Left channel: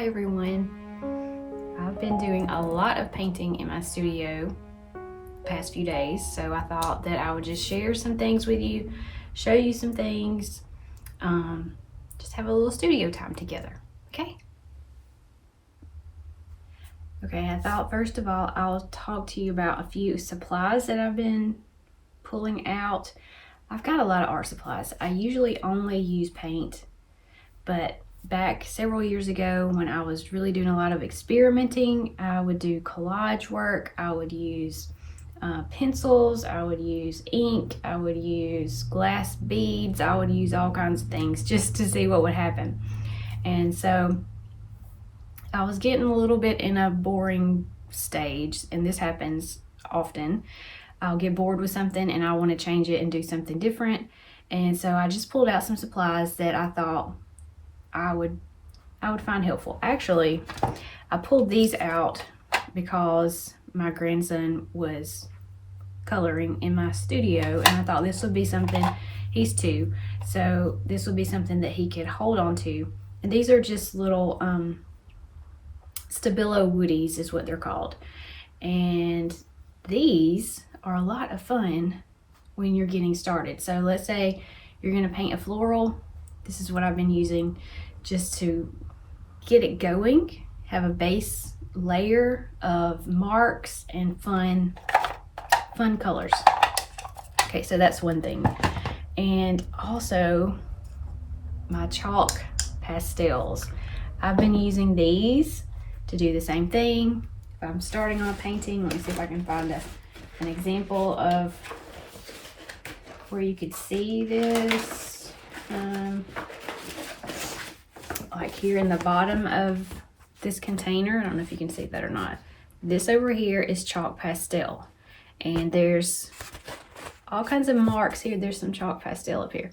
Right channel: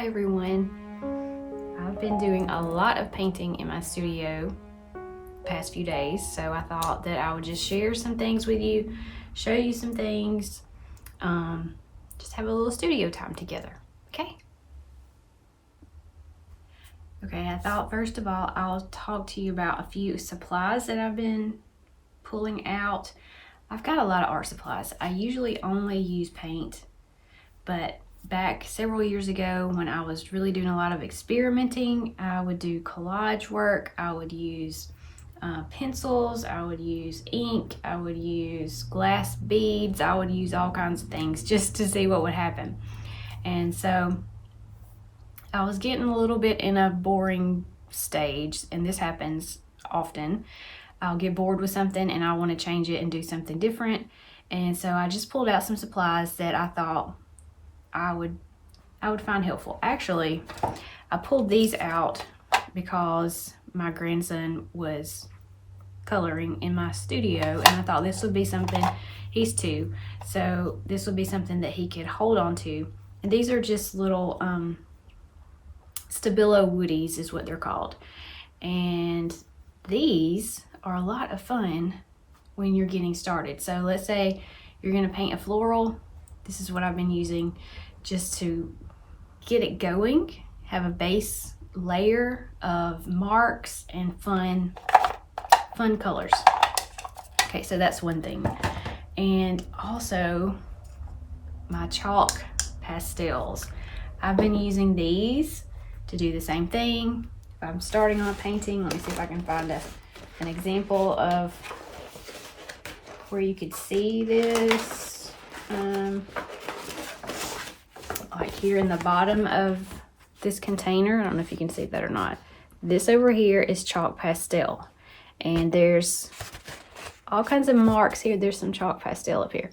Hi everyone. I've been doing a lot of painting in my studio past few days, so I thought that I would just share some things with you, show you some things, just have a little studio time together, okay? Okay, I thought first of all I'll talk to you about a few supplies that I've been pulling out. I've got a lot of art supplies. I usually only use paint, but back several years ago when I was really doing a lot of experimenting, I would do collage work. I would use pencils, I would use ink, I would use glass beads, I would use all kinds of things just to see what would happen. And so I was getting a little bit in a boring stage, and this happens often. I'll get bored with something and I want to change it and do something different. And so I just pulled out some supplies that I thought I would find helpful. Actually, I pulled these out because my grandson was coloring in my studio, and I thought this would be something, he's 2, so this would be something that he could hold on to. And these are just little Stabilo woodies is what they're called. And these are a lot of fun when you're getting started. So let's say you're going to paint a floral. This is what I've been using just to get it going, have a base layer of marks and fun colors. Okay, so that's one thing. And also my chalk pastels. I've been using these to do the same thing. If I'm starting on a painting, let me see if I can find an example of where you could see this. Like here in the bottom of this container, I don't know if you can see that or not. This over here is chalk pastel, and there's all kinds of marks here. There's some chalk pastel up here.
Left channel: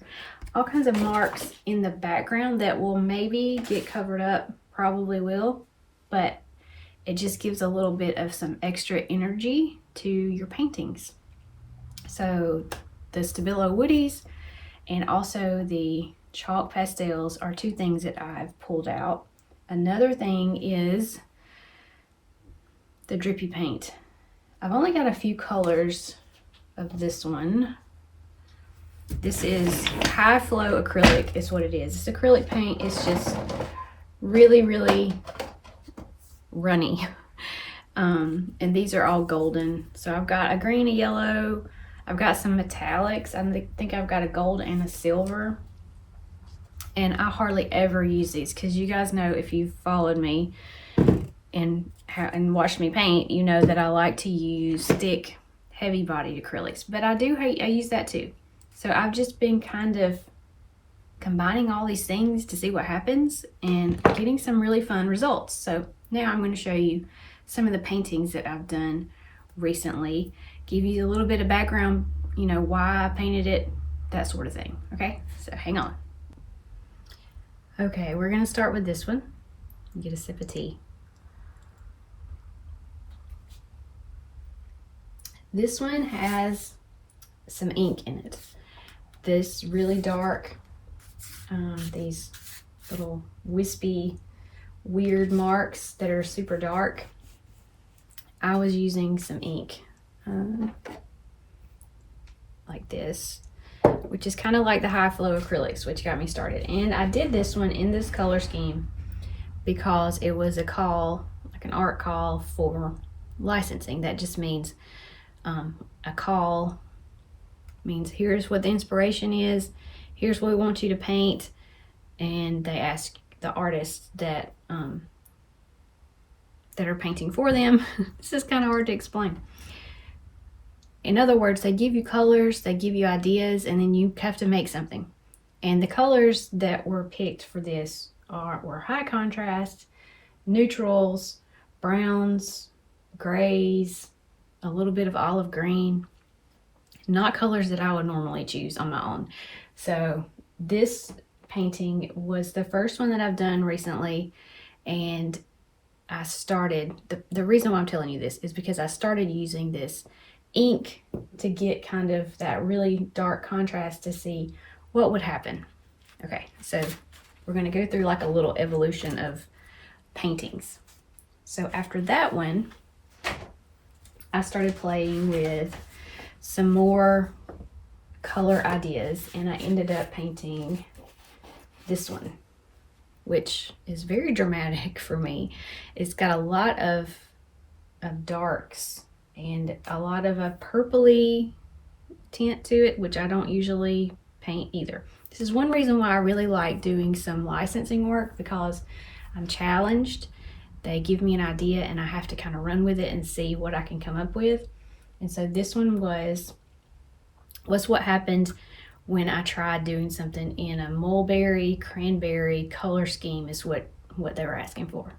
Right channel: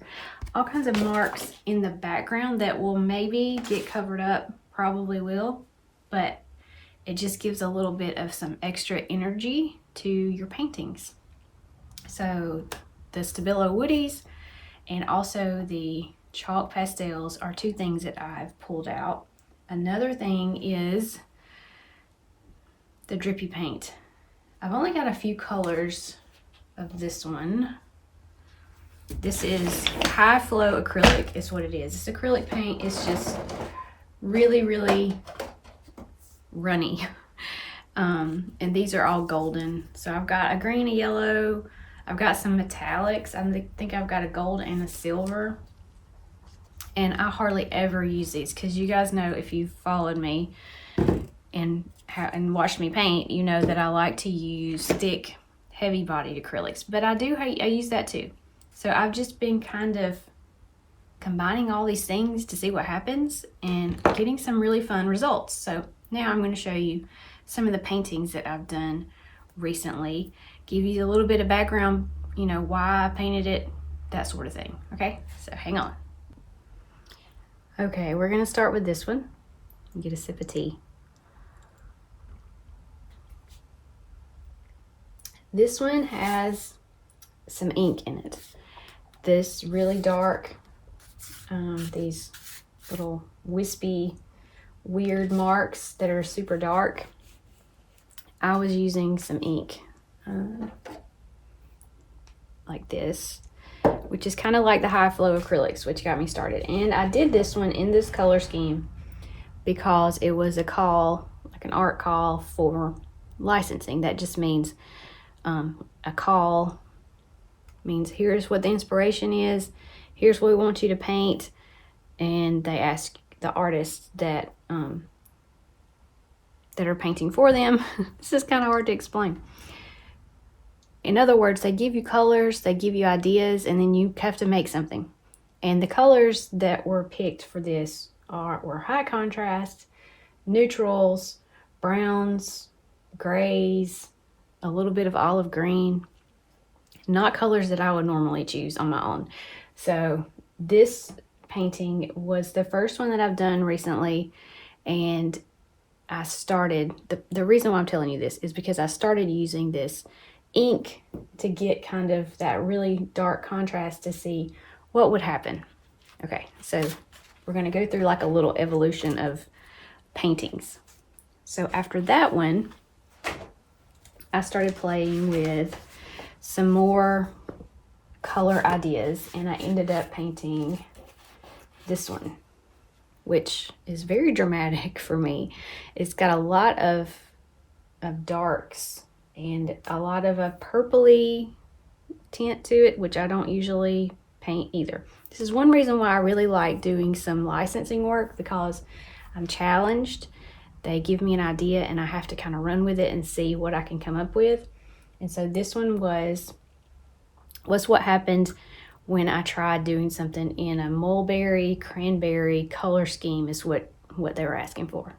All kinds of marks in the background that will maybe get covered up, probably will, but it just gives a little bit of some extra energy to your paintings. So the Stabilo woodies and also the chalk pastels are 2 things that I've pulled out. Another thing is the drippy paint. I've only got a few colors of this one. This is high flow acrylic is what it is. This acrylic paint is just really, really runny. And these are all golden. So I've got a green, a yellow, I've got some metallics. I think I've got a gold and a silver. And I hardly ever use these because you guys know, if you've followed me and watched me paint, you know that I like to use thick, heavy-bodied acrylics. But I use that too. So I've just been kind of combining all these things to see what happens and getting some really fun results. So now I'm going to show you some of the paintings that I've done recently, give you a little bit of background, you know, why I painted it, that sort of thing. Okay, so hang on. Okay, we're going to start with this one. Get a sip of tea. This one has some ink in it. This really dark, these little wispy, weird marks that are super dark. I was using some ink like this, which is kind of like the high flow acrylics, which got me started. And I did this one in this color scheme because it was a call, like an art call for licensing. That just means a call means here's what the inspiration is, here's what we want you to paint, and they ask the artists that are painting for them. This is kind of hard to explain. In other words, they give you colors, they give you ideas, and then you have to make something. And the colors that were picked for this were high contrast, neutrals, browns, grays, a little bit of olive green. Not colors that I would normally choose on my own. So this painting was the first one that I've done recently, and I started, the reason why I'm telling you this is because I started using this ink to get kind of that really dark contrast to see what would happen. Okay, so we're going to go through like a little evolution of paintings. So after that one, I started playing with some more color ideas, and I ended up painting this one, which is very dramatic for me. It's got a lot of darks and a lot of a purpley tint to it, which I don't usually paint either. This is one reason why I really like doing some licensing work, because I'm challenged. They give me an idea and I have to kind of run with it and see what I can come up with. And so this one was what happened when I tried doing something in a mulberry, cranberry color scheme, is what they were asking for.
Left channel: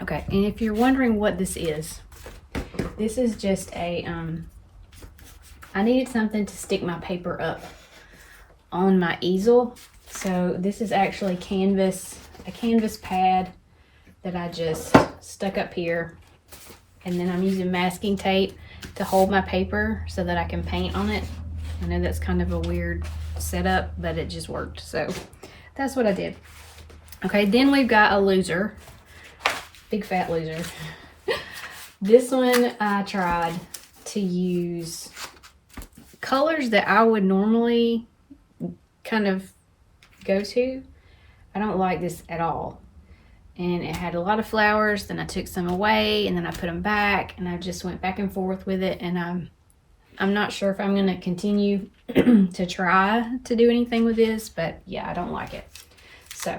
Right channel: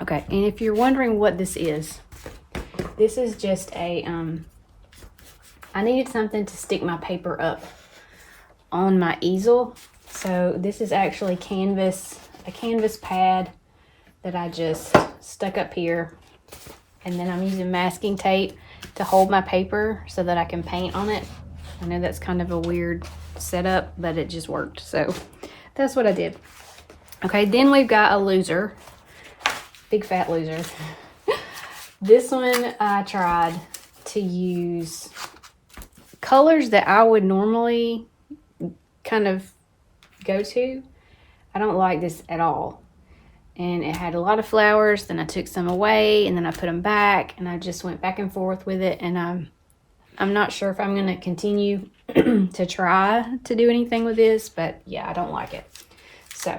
Okay, and if you're wondering what this is just a, I needed something to stick my paper up on my easel. So this is actually a canvas pad that I just stuck up here. And then I'm using masking tape to hold my paper so that I can paint on it. I know that's kind of a weird setup, but it just worked. So that's what I did. Okay, then we've got a loser. Big fat loser. This one I tried to use colors that I would normally kind of go to. I don't like this at all. And it had a lot of flowers, then I took some away and then I put them back, and I just went back and forth with it, and I'm not sure if I'm going to continue to try to do anything with this, but yeah, I don't like it. So,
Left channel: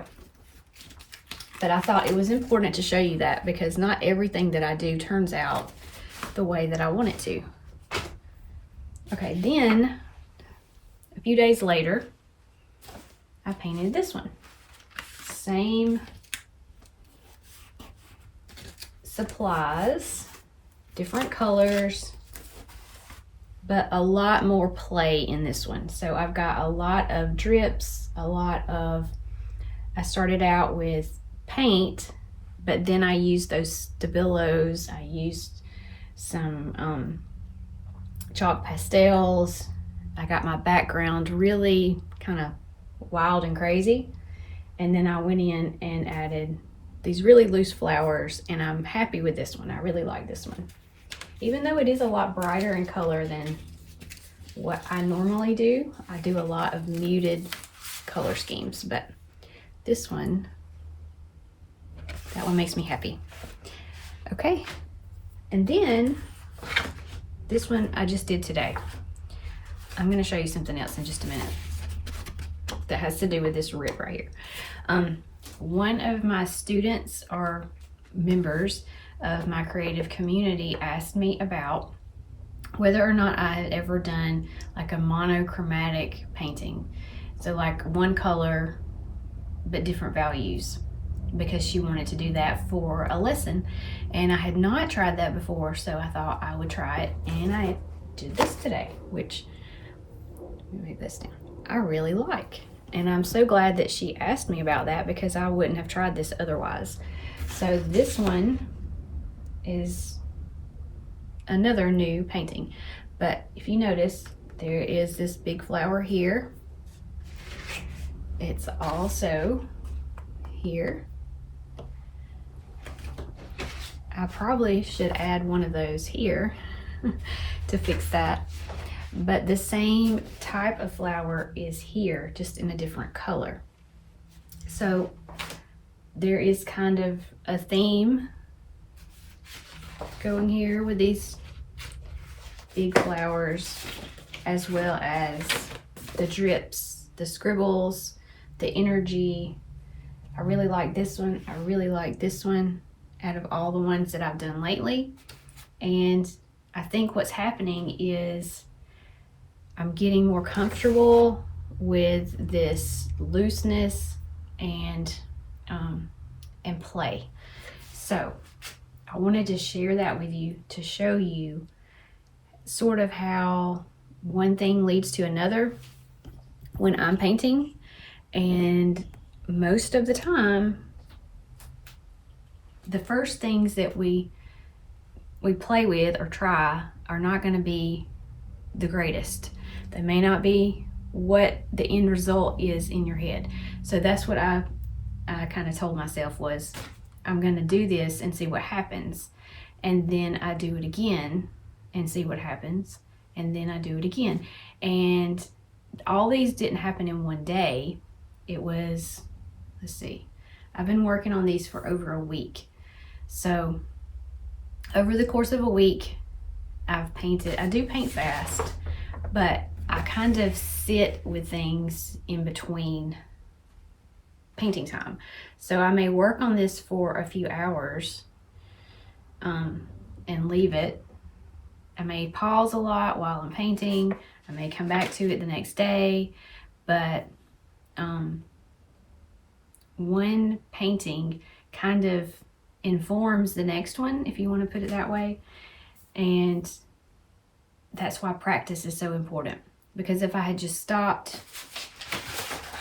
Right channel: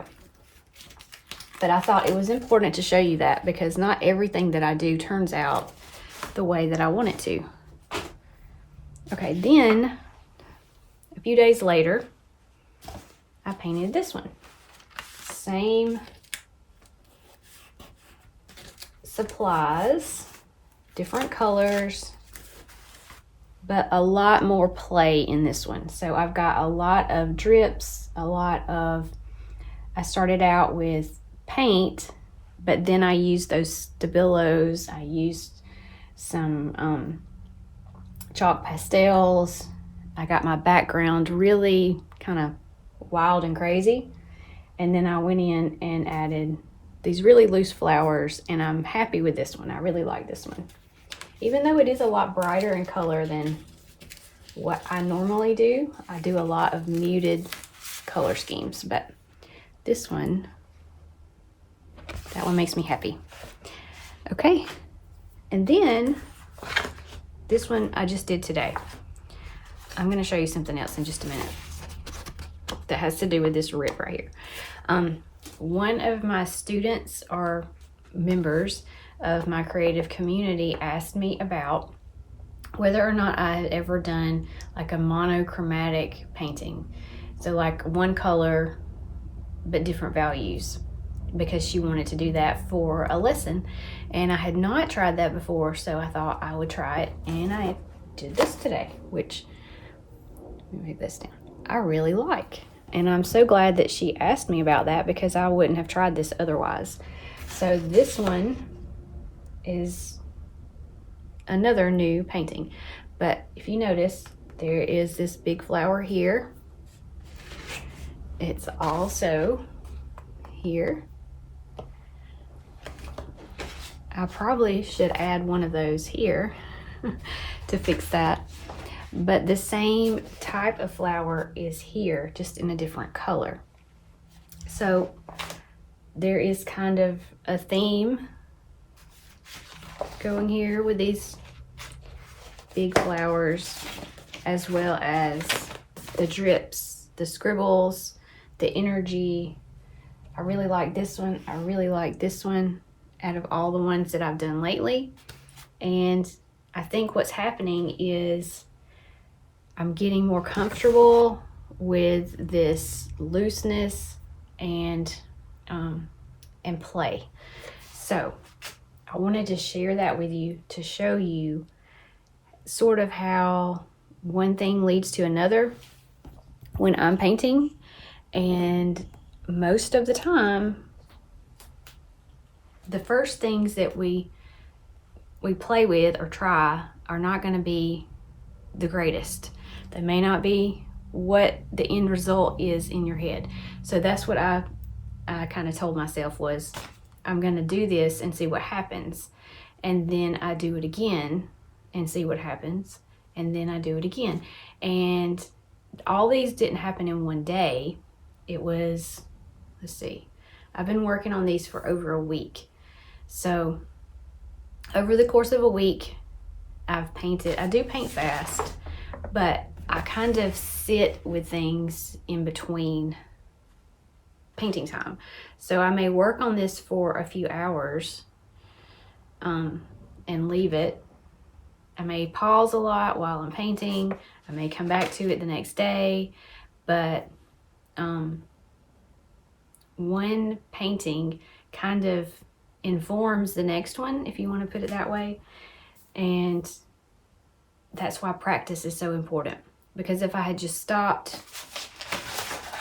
but I thought it was important to show you that, because not everything that I do turns out the way that I want it to. Okay, then a few days later, I painted this one. Same supplies, different colors, but a lot more play in this one. So I've got a lot of drips, I started out with paint, but then I used those Stabilos. I used some chalk pastels. I got my background really kind of wild and crazy. And then I went in and added these really loose flowers, and I'm happy with this one. I really like this one. Even though it is a lot brighter in color than what I normally do. I do a lot of muted color schemes, but this one, that one makes me happy. Okay, and then this one I just did today. I'm gonna show you something else in just a minute that has to do with this rip right here. One of my students or members of my creative community asked me about whether or not I had ever done like a monochromatic painting. So like one color, but different values, because she wanted to do that for a lesson. And I had not tried that before, so I thought I would try it. And I did this today, which, let me move this down, I really like. And I'm so glad that she asked me about that, because I wouldn't have tried this otherwise. So this one is another new painting. But if you notice, there is this big flower here. It's also here. I probably should add one of those here to fix that. But the same type of flower is here, just in a different color. So there is kind of a theme going here with these big flowers, as well as the drips, the scribbles, the energy. I really like this one. I really like this one out of all the ones that I've done lately. And I think what's happening is I'm getting more comfortable with this looseness and play. So I wanted to share that with you to show you sort of how one thing leads to another when I'm painting. And most of the time, the first things that we play with or try are not going to be the greatest. They may not be what the end result is in your head. So that's what I kind of told myself was, I'm going to do this and see what happens. And then I do it again and see what happens. And then I do it again. And all these didn't happen in one day. It was, let's see, I've been working on these for over a week. So over the course of a week, I've painted. I do paint fast, but I kind of sit with things in between painting time. So I may work on this for a few hours and leave it. I may pause a lot while I'm painting. I may come back to it the next day, but one painting kind of informs the next one, if you want to put it that way. And that's why practice is so important. Because if I had just stopped,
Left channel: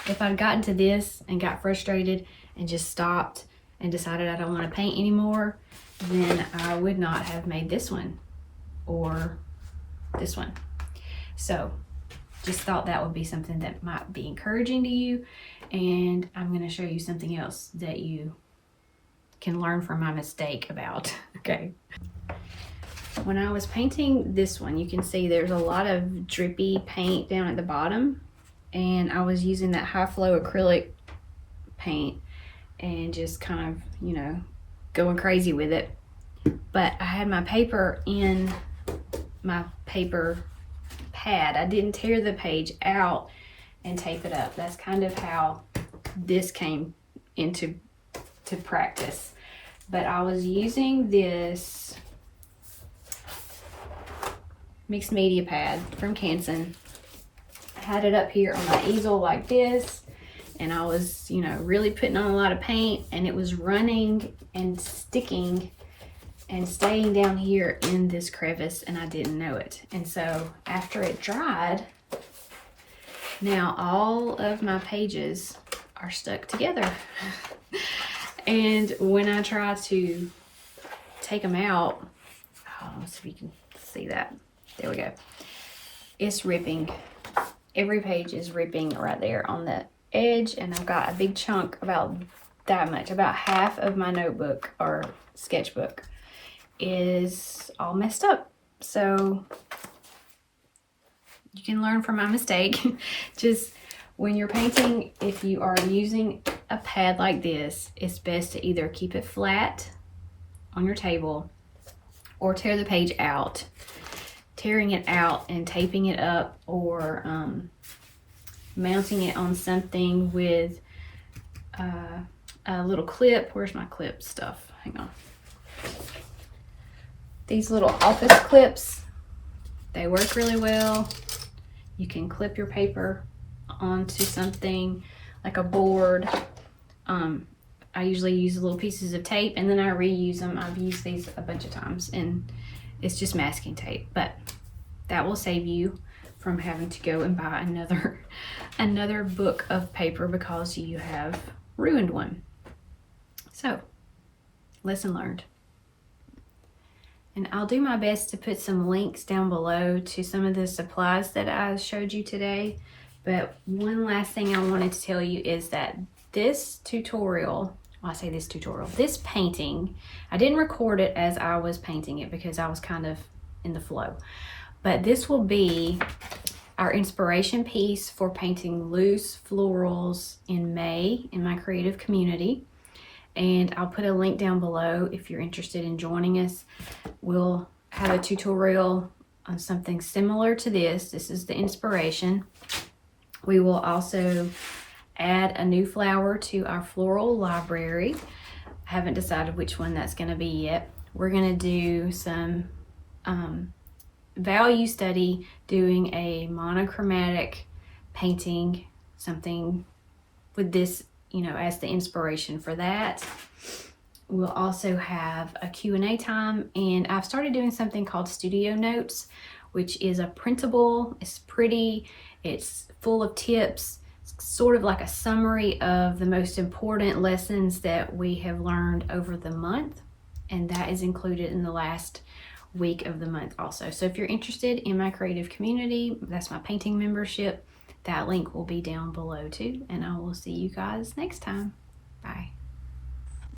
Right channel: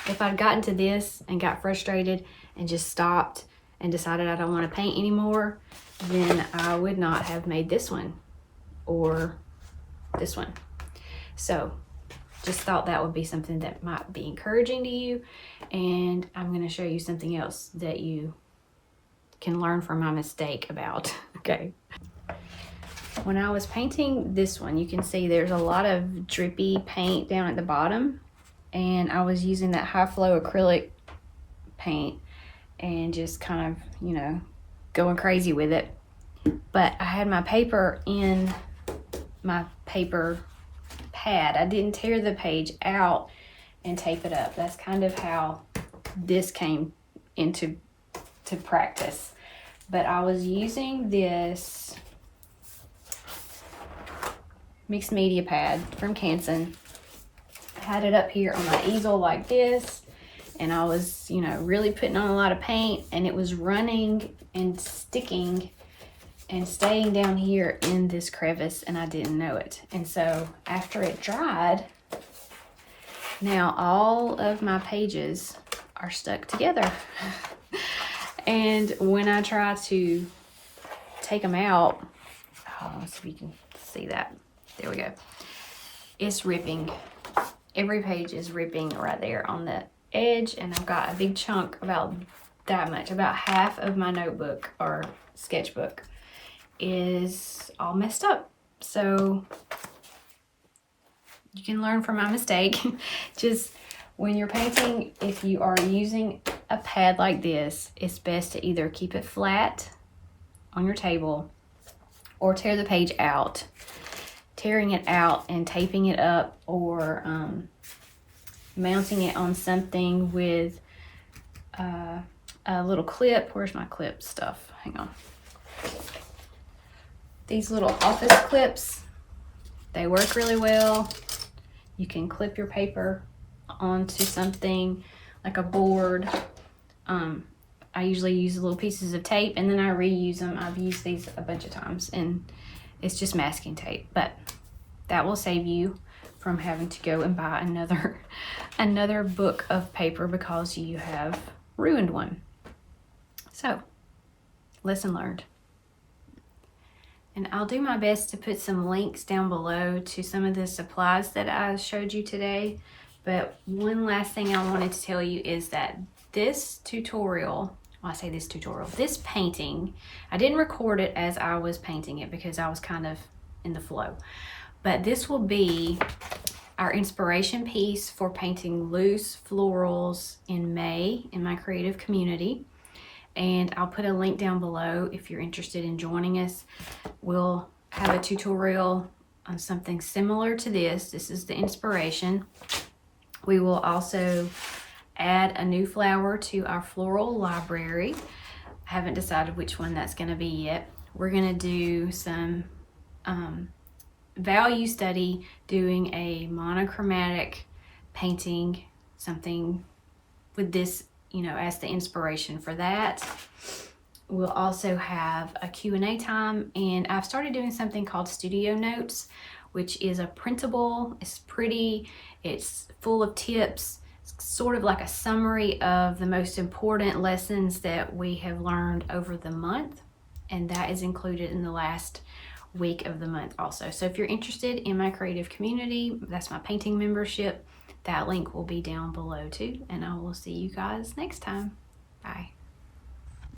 if I'd gotten to this and got frustrated and just stopped and decided I don't want to paint anymore, then I would not have made this one or this one. So just thought that would be something that might be encouraging to you. And I'm going to show you something else that you can learn from my mistake about. Okay. When I was painting this one, you can see there's a lot of drippy paint down at the bottom. And I was using that high flow acrylic paint and just kind of, you know, going crazy with it. But I had my paper in my paper pad. I didn't tear the page out and tape it up. That's kind of how this came into practice. But I was using this mixed media pad from Canson. I had it up here on my easel like this, and I was, you know, really putting on a lot of paint, and it was running and sticking and staying down here in this crevice, and I didn't know it. And so after it dried, now all of my pages are stuck together. And when I try to take them out, let's see if you can see that. There we go. It's ripping. Every page is ripping right there on the edge, and I've got a big chunk about that much. About half of my notebook or sketchbook is all messed up. So you can learn from my mistake. Just when you're painting, if you are using a pad like this, it's best to either keep it flat on your table or tear the page out. Tearing it out and taping it up, or mounting it on something with a little clip. Where's my clip stuff? Hang on. These little office clips, they work really well. You can clip your paper onto something like a board. I usually use little pieces of tape and then I reuse them. I've used these a bunch of times and it's just masking tape, but that will save you from having to go and buy another book of paper because you have ruined one. So, lesson learned. And I'll do my best to put some links down below to some of the supplies that I showed you today. But one last thing I wanted to tell you is that this tutorial, this painting, I didn't record it as I was painting it because I was kind of in the flow. But this will be our inspiration piece for painting loose florals in May in my creative community. And I'll put a link down below if you're interested in joining us. We'll have a tutorial on something similar to this. This is the inspiration. We will also add a new flower to our floral library. I haven't decided which one that's going to be yet. We're going to do some value study, doing a monochromatic painting, something with this, you know, as the inspiration for that. We'll also have a Q&A time, and I've started doing something called Studio Notes, which is a printable. It's pretty, it's full of tips. It's sort of like a summary of the most important lessons that we have learned over the month, and that is included in the last week of the month also. So if you're interested in my creative community, that's my painting membership, that link will be down below too. And I will see you guys next time. Bye.